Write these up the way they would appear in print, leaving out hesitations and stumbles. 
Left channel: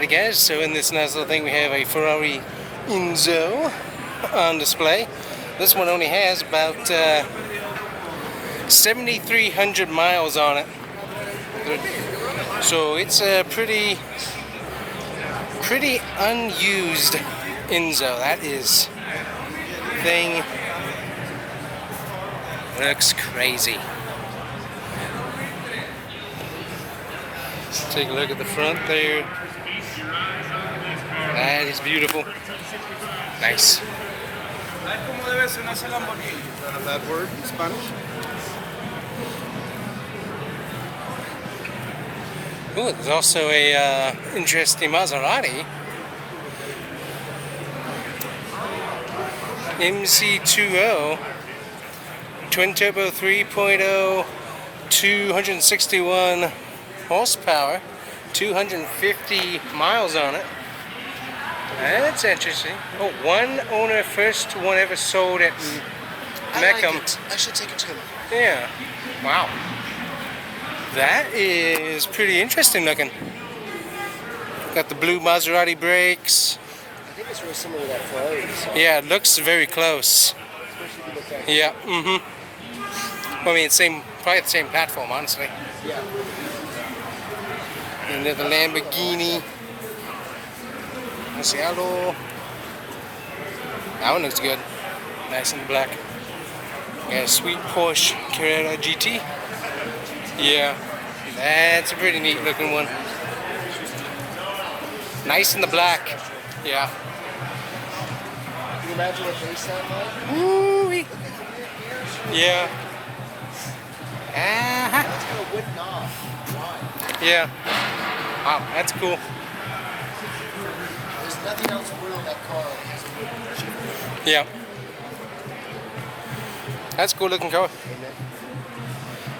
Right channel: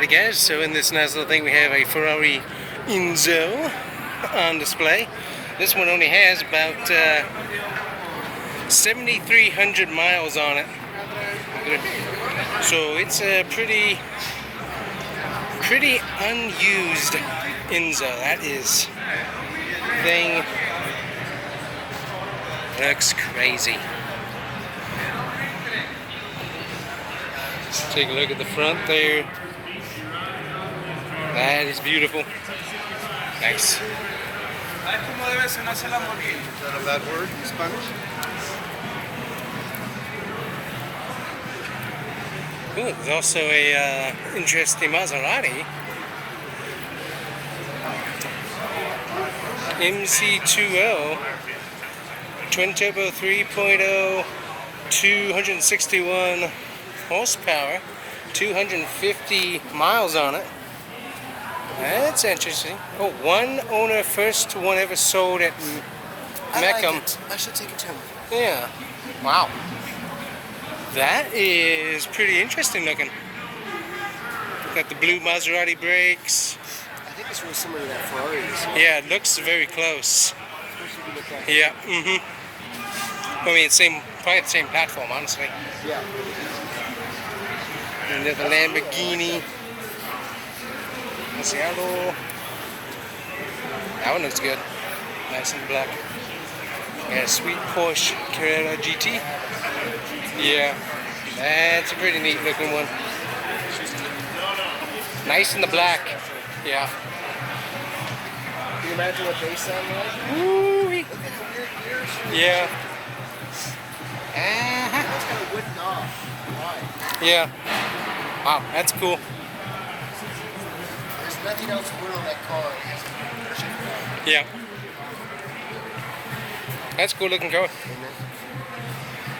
Alright guys, so in this nice little thing we have a Ferrari Enzo on display. This one only has about 7,300 miles on it. So it's a pretty unused Enzo. That is thing looks crazy. Take a look at the front there. That is beautiful. Nice. That word in Spanish? Oh, there's also a interesting Maserati. MC20 twin turbo 3.0, 261 horsepower, 250 miles on it. That's interesting. Oh, one owner, first one ever sold at Mecum. I should take it to him. Yeah. Wow. That is pretty interesting looking. Got the blue Maserati brakes. I think it's really similar to that Ferrari. Yeah, it looks very close. Yeah. Mm-hmm. I mean, probably the same platform, honestly. Yeah. And then the Lamborghini. Murcielago. That one looks good. Nice and black. Got a sweet Porsche Carrera GT. Yeah, that's a pretty neat looking one. Nice in the black. Yeah. Can you imagine what they sound like? Woo-wee. Yeah. Uh-huh. Yeah. Wow, that's cool. There's nothing else weird on that car. Yeah. That's a cool looking car.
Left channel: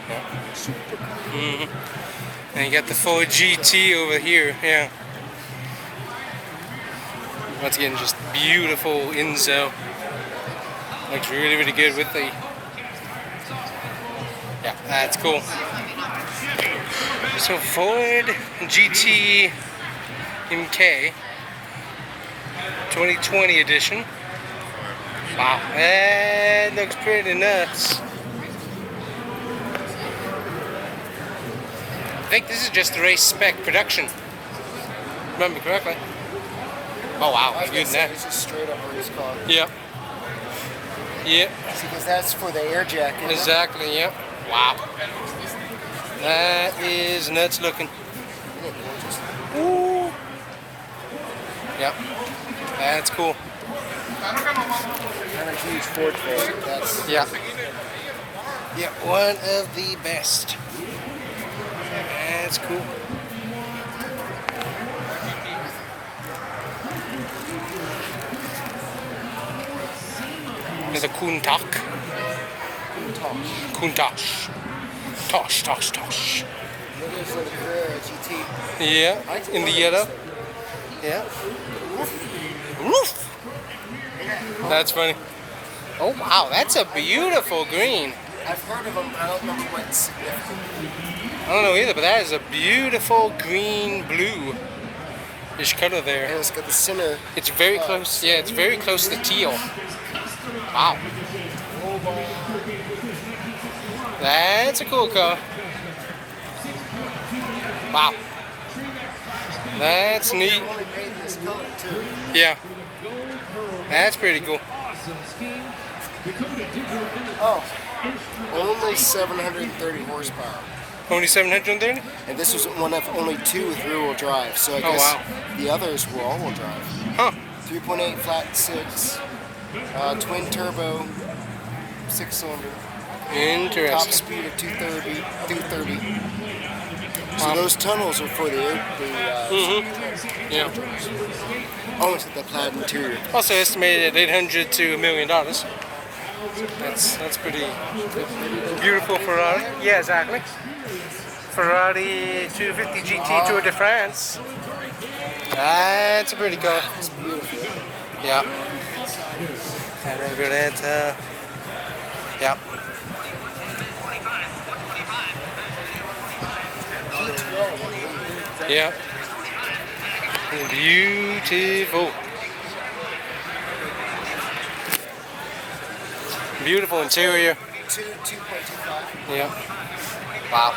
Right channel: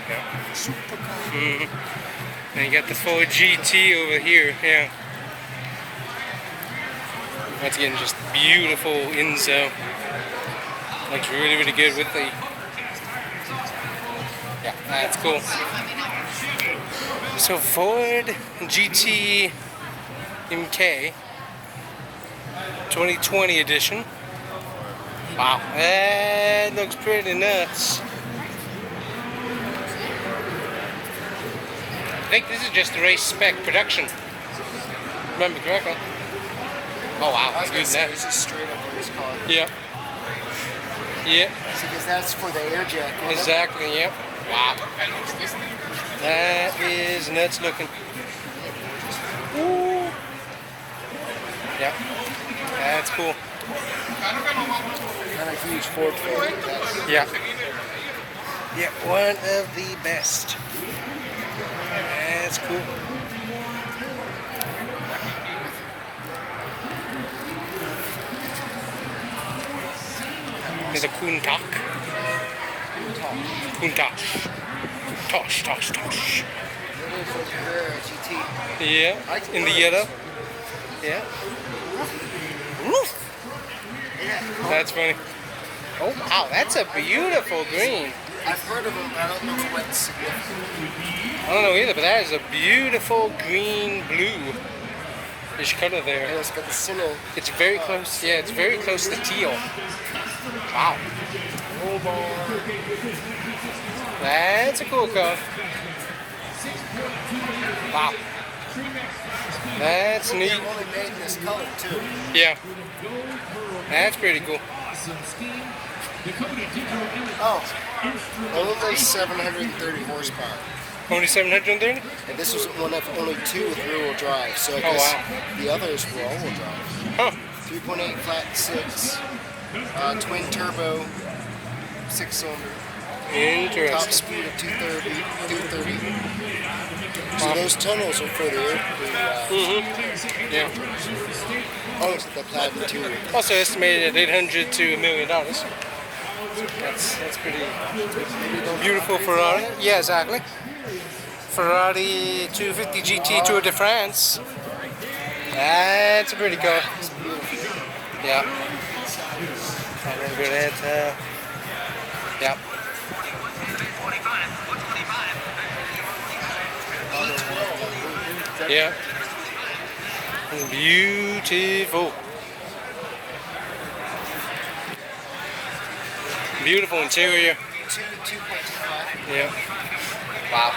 Yeah. Super cool. Mm-hmm. And you got the Ford GT over here. Yeah. Once again, just beautiful Enzo. Looks really, really good with the. Yeah, that's cool. So Ford GT MK 2020 edition. Wow, that looks pretty nuts. I think this is just the race spec production. Remember correctly. Oh wow, it's good now. This is straight up race car. Yep. Yep. Because that's for the air jacket. Exactly, yep. Wow. That is nuts looking. Ooh. Yep. That's cool. Not a huge Ford fan. Yeah. Yeah, one of the best. That's cool. There's a Countach. Tosh. Yeah, in the yellow. Yeah. Roof. That's funny. Oh wow, that's a beautiful green. I've heard of them. I don't know if it's significant. I don't know either, but that is a beautiful green blue. This color there. And it's got the center. It's very close. Yeah, it's very close to teal. Wow. That's a cool car. Wow. That's neat. Yeah. That's pretty cool. Oh, only 730 horsepower. Only 730? And this was one of only two with rear-wheel drive. So I Oh, guess wow. the others were all-wheel drive. Huh. 3.8 flat six, twin turbo, 6-cylinder. Top Interesting. speed of 230. Wow. So those tunnels are for the Yeah. oh, it's the plaid interior. Also estimated at $800 to $1 million. That's pretty beautiful Ferrari. Yeah, exactly. Ferrari 250 GT Tour de France. That's a pretty car. Yeah. And then good at yeah. Yeah. Beautiful. Beautiful interior. 2.25. Yeah. Wow.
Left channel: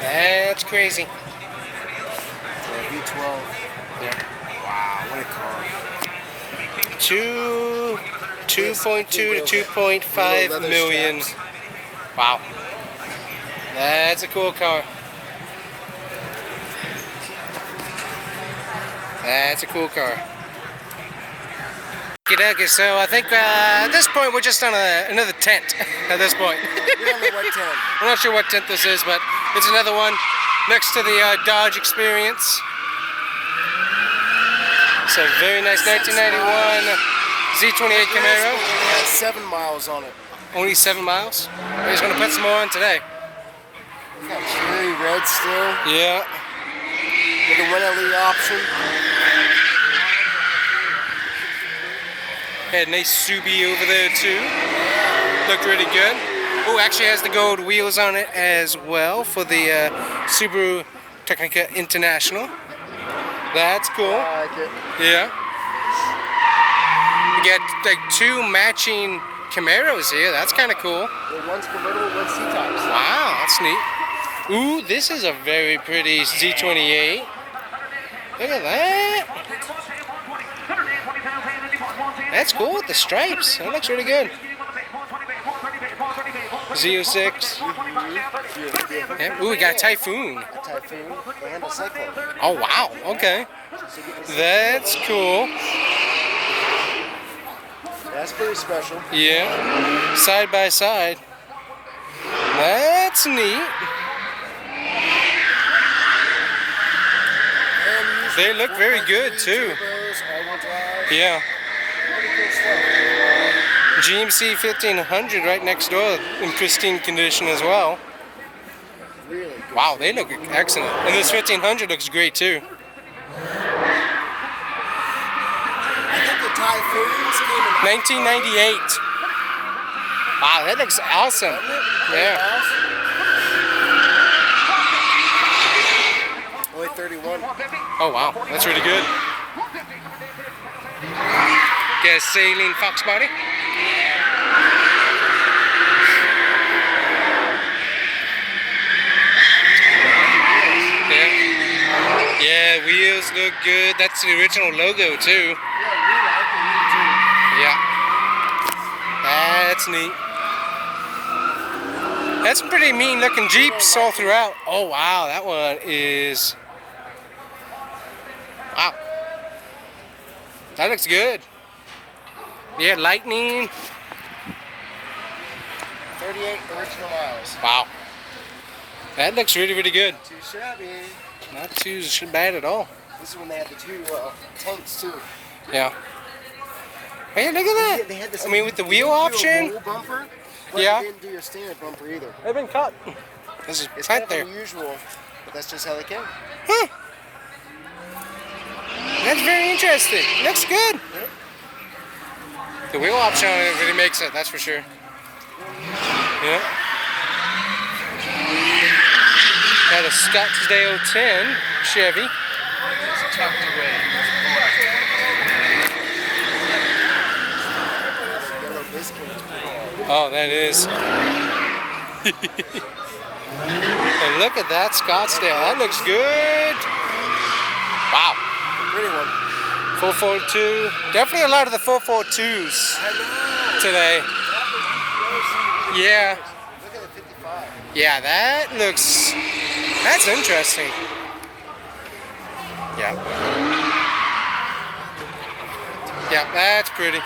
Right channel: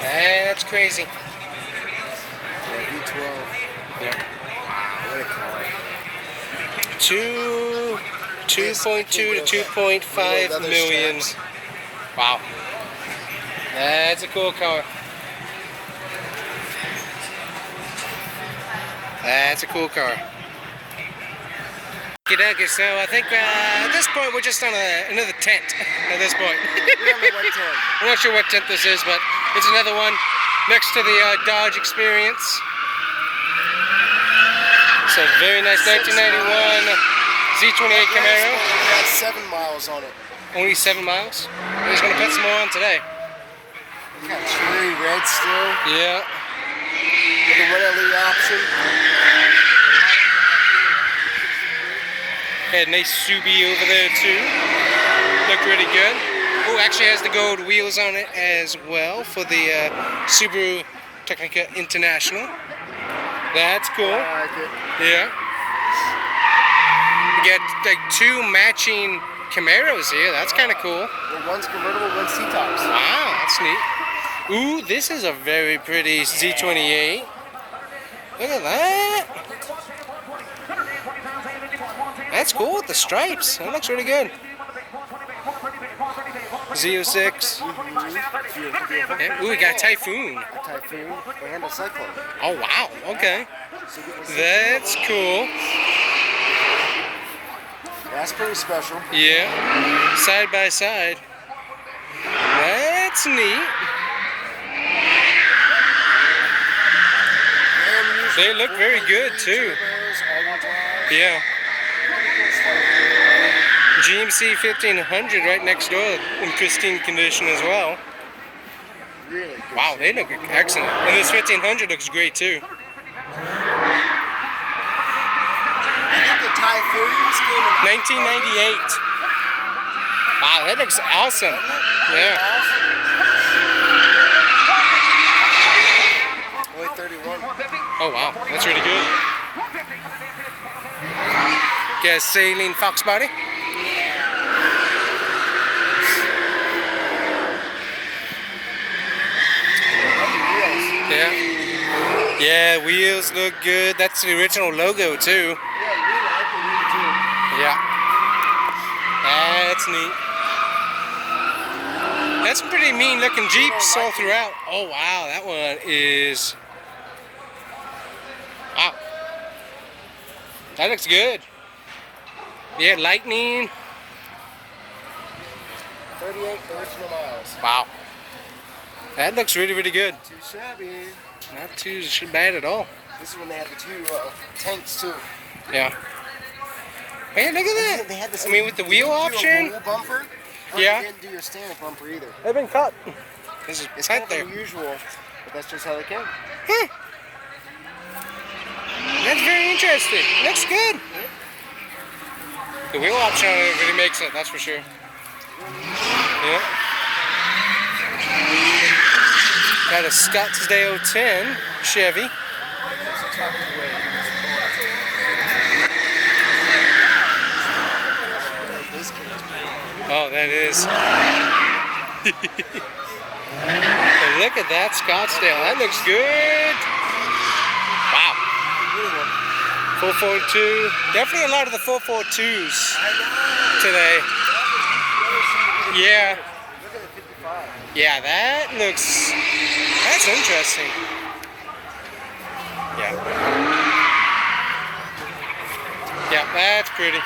That's crazy. V12. Yeah. What a car. 2.2 to 2.5 Leather million. straps. Wow. That's a cool car. That's a cool car. Okay, so I think at this point we're just on another tent at this point. We don't know what tent. I'm not sure what tent this is, but it's another one next to the Dodge Experience. It's a very nice 1991 Z28 Camaro. It has 7 miles on it. Only 7 miles. We're just gonna put some more on today. It's got cherry red still. Yeah. With a 1LE option. Had a nice Subi over there too. Looked really good. Oh, actually has the gold wheels on it as well for the Subaru Technica International. That's cool. I like it. Yeah. You get like 2 matching Camaros here. That's kind of cool. One's convertible, one's T-tops. Wow, that's neat. Ooh, this is a very pretty Z28. Look at that. That's cool with the stripes. That looks really good. Z06. Yeah. Ooh, we got a Typhoon. A Typhoon, a Honda Cyclone. Oh, wow. Okay. That's cool. That's pretty special. Yeah. Side by side. That's neat. They look very good too. Yeah. GMC 1500 right next door in pristine condition as well. Really good. Wow, they look excellent. And this 1500 looks great too. I think the Typhoons came in 1998. Wow, that looks awesome. Yeah. only 31. Oh wow, that's really good. Get a saline fox body. Yeah. Yeah, wheels look good. That's the original logo too. Yeah. That's neat. That's some pretty mean looking Jeeps all throughout. Oh wow, that one is... Wow. That looks good. Yeah, Lightning. 38 original miles. Wow. That looks really, really good. Too shabby. Not too bad at all. This is when they had the 2 tanks too. Yeah. Hey, look at that. They had this. I mean, with the wheel you do a option. roll bumper, but Yeah. They didn't do your stand-up bumper either. They've been cut. This is It's right kind there. of unusual, but that's just how they came. Huh. That's very interesting. Looks good. The wheel option on it really makes it, that's for sure. Yeah. Got a Scottsdale 10 Chevy. Tucked away. Oh, that is. And look at that Scottsdale. That looks good. Wow. 442. Definitely a lot of the 442s today. Yeah. Yeah, that looks... That's interesting. Yeah. Yeah, that's pretty.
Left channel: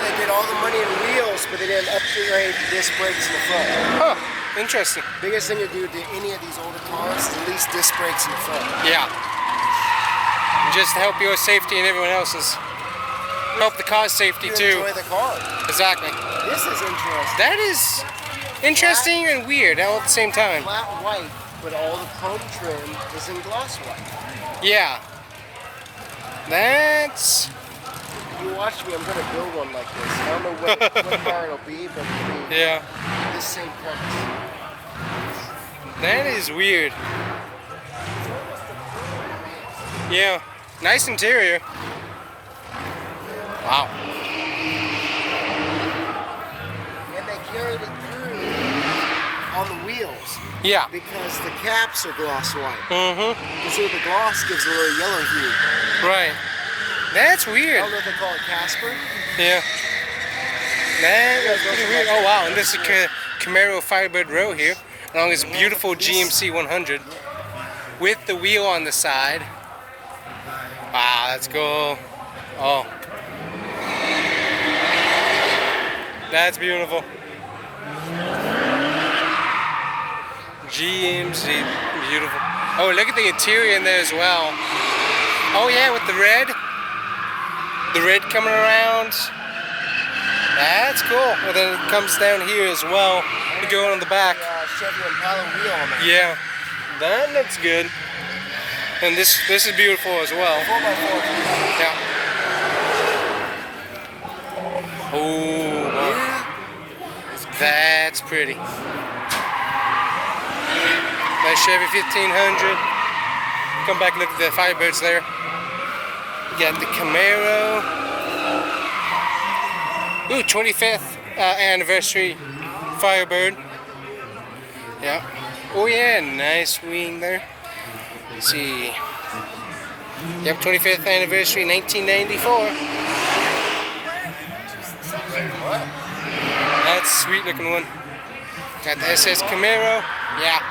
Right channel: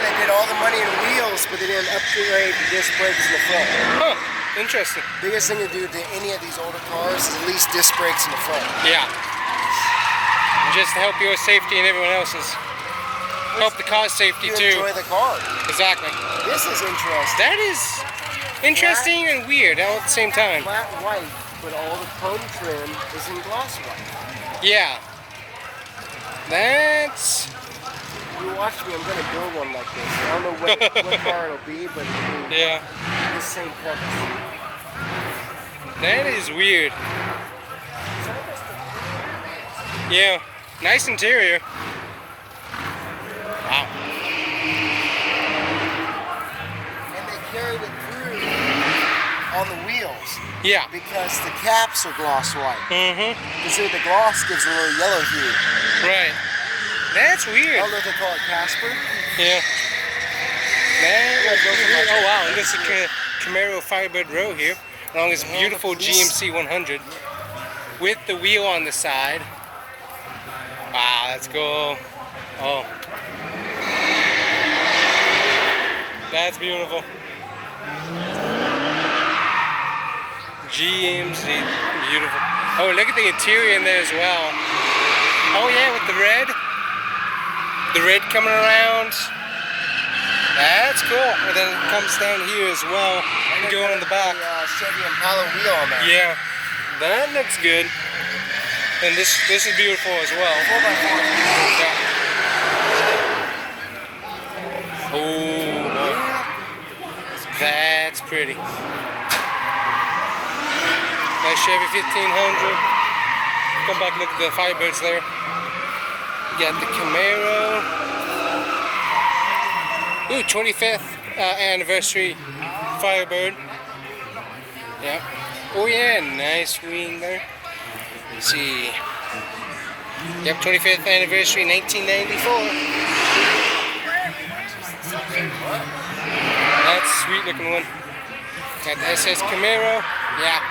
They did all the money in wheels, but they didn't upgrade the disc brakes in the front. Huh. Interesting. Biggest thing to do to any of these older cars is at least disc brakes in the front. Yeah. Just to help your safety and everyone else's. Help the car's safety You too. enjoy the car. Exactly. This is interesting. That is interesting and weird all at the same time. Flat white, but all the chrome trim is in glass white. Yeah. That's... You watch me, I'm going to build one like this. I don't know what car it'll be, but it'll be Yeah. the same color. That is weird. Yeah, nice interior. Wow. And they carried it through on the wheels. Yeah. Because the caps are gloss white. Mm-hmm. You see, the gloss gives a little yellow hue. Right. That's I weird. don't know if they call it Casper. Yeah. That is pretty weird. Oh wow, and this is Camaro Firebird Row here, along this beautiful GMC 100 with the wheel on the side. Wow, that's cool. Oh. That's beautiful. GMC, beautiful. Oh, look at the interior in there as well. Oh yeah, with the red. The red coming around. That's cool. And then it comes down here as well. You go on the back. Chevy Impala wheel on that. Yeah, that looks good. And this is beautiful as well. 4x4. Yeah. Oh boy. That's pretty. Nice Chevy 1500. Come back and look at the Firebirds there. You got the Camaro. Ooh, 25th anniversary Firebird. Yeah. Oh yeah, nice wing there. Let's see. Yep, 25th anniversary, 1994. That's a sweet looking one. Got the SS Camaro. Yeah.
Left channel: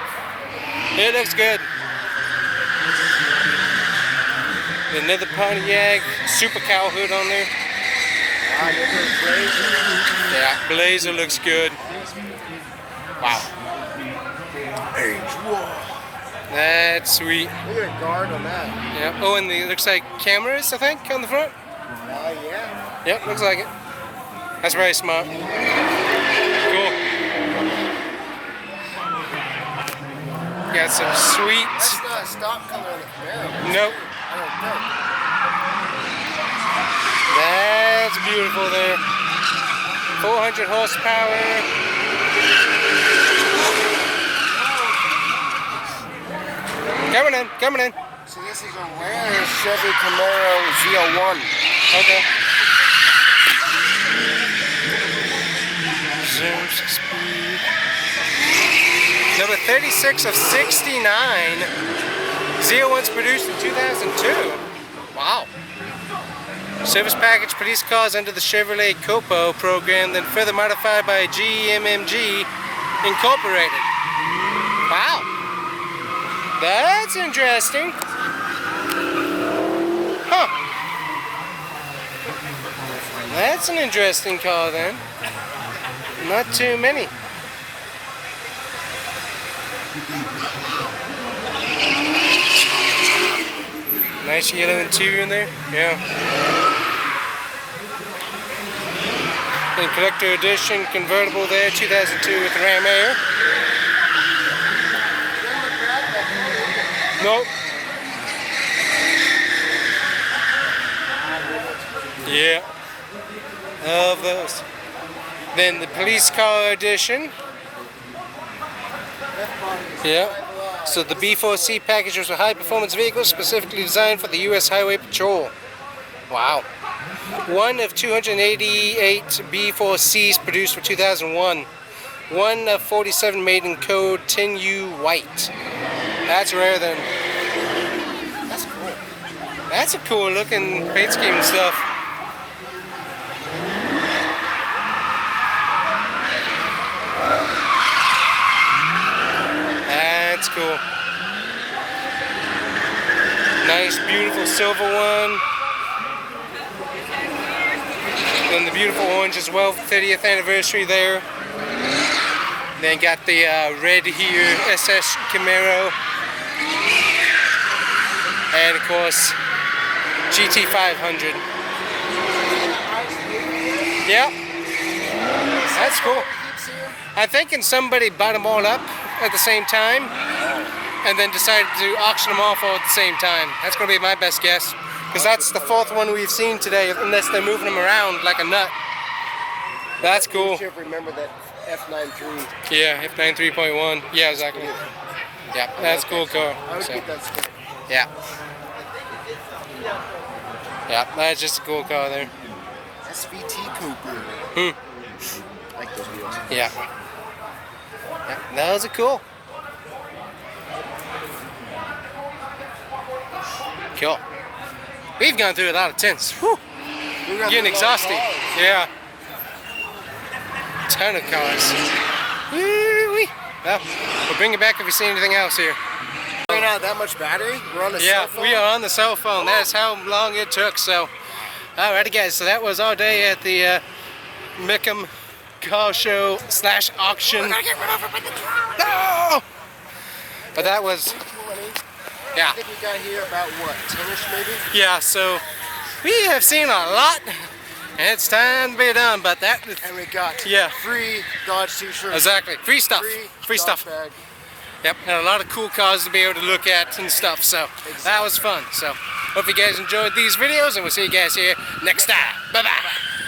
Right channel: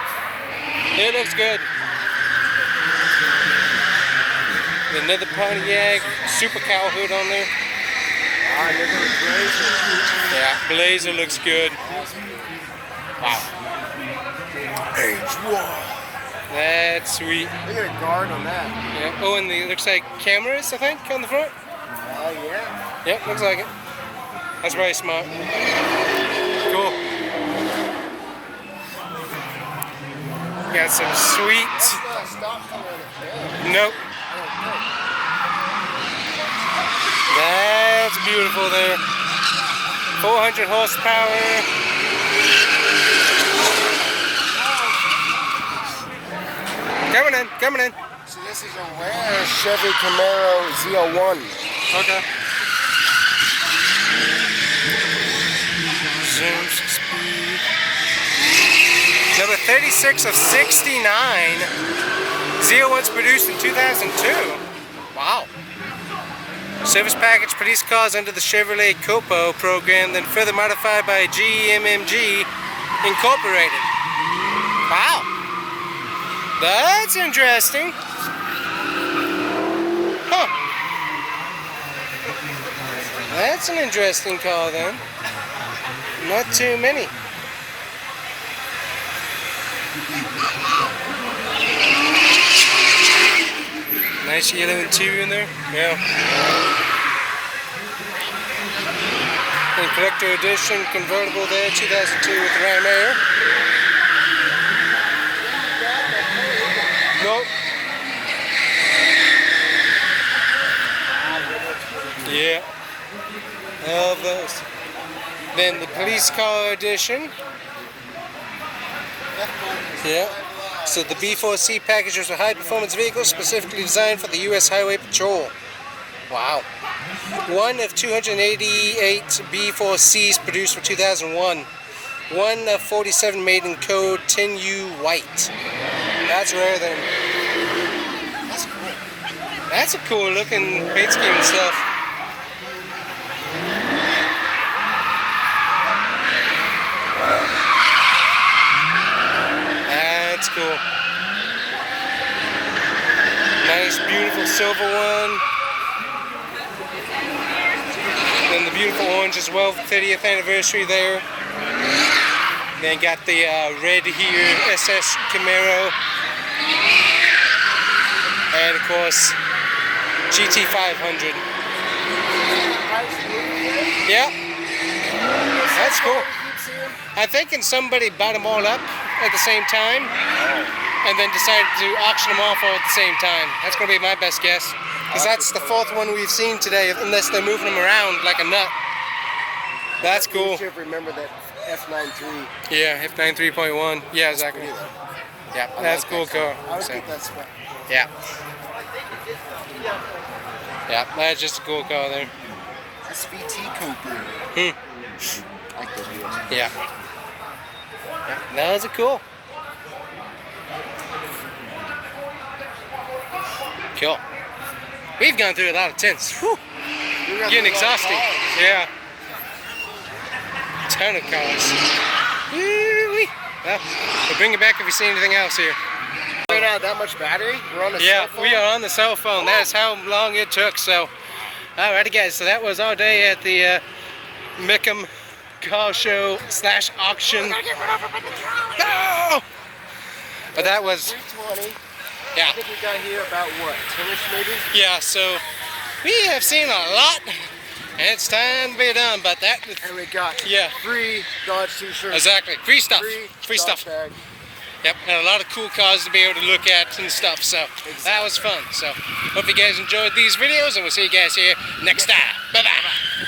It looks good. Another Pontiac, Super Cow hood on there. Yeah, Blazer looks good. Wow. That's sweet. Look at a guard on that. Yeah. Oh, and it looks like cameras, I think, on the front. Yeah. Yep, looks like it. That's very smart. Cool. Got some sweet. That's not a stock color on the Camaro. Nope. I don't think. That's beautiful there. 400 horsepower. Coming in, coming in. So this is a rare Chevy Camaro ZL1. Okay. Zoom speed. Number 36 of 69. ZL1's produced in 2002. Wow. Service package, police cars under the Chevrolet Copo program, then further modified by GMMG Incorporated. Wow. That's interesting. Huh. That's an interesting car then. Not too many. Nice yellow interior in there. Yeah. And collector edition convertible there, 2002 with the Ram Air. Nope. Yeah. Love those. Then the police car edition. Yeah. So the B4C package was a high-performance vehicle specifically designed for the U.S. Highway Patrol. Wow. One of 288 B4Cs produced for 2001. One of 47 made in code 10U white. That's rare then. That's cool. That's a cool looking paint scheme and stuff. That's cool. Nice, beautiful silver one. Then the beautiful orange as well, 30th anniversary there. Then got the red here, SS Camaro. And of course, GT500. Yep. That's cool. I'm thinking somebody bought them all up at the same time and then decided to auction them off all at the same time. That's going to be my best guess. Because that's the fourth one we've seen today, unless they're moving them around like a nut. That's cool. You remember that F93. Yeah, F9 3.1. Yeah, exactly. Yeah, that's a cool car. I would So, keep that spec. yeah. Yeah, that's just a cool car there. SVT Cooper. Like those wheels. Yeah. Yeah, those are cool. Cool. We've gone through a lot of tints. Whew. Getting exhausting. Yeah. Ton of cars. Woo-wee. Well, we'll bring it back if we see anything else here. We don't have that much battery. We're on the Yeah, cell phone. we are on the cell phone. That's how long it took. So, alrighty, guys. So that was our day at the Mecum car show / auction. We're gonna get run over by the trolley. No! But that was, 20. yeah. I think we got here about what, 10ish maybe? Yeah, so we have seen a lot, and it's time to be done. But that, And we got free Dodge t-shirts. exactly, free stuff, free Dodge stuff. bag. Yep, and a lot of cool cars to be able to look at and stuff. So that was fun. So hope you guys enjoyed these videos, and we'll see you guys here next time. Bye bye.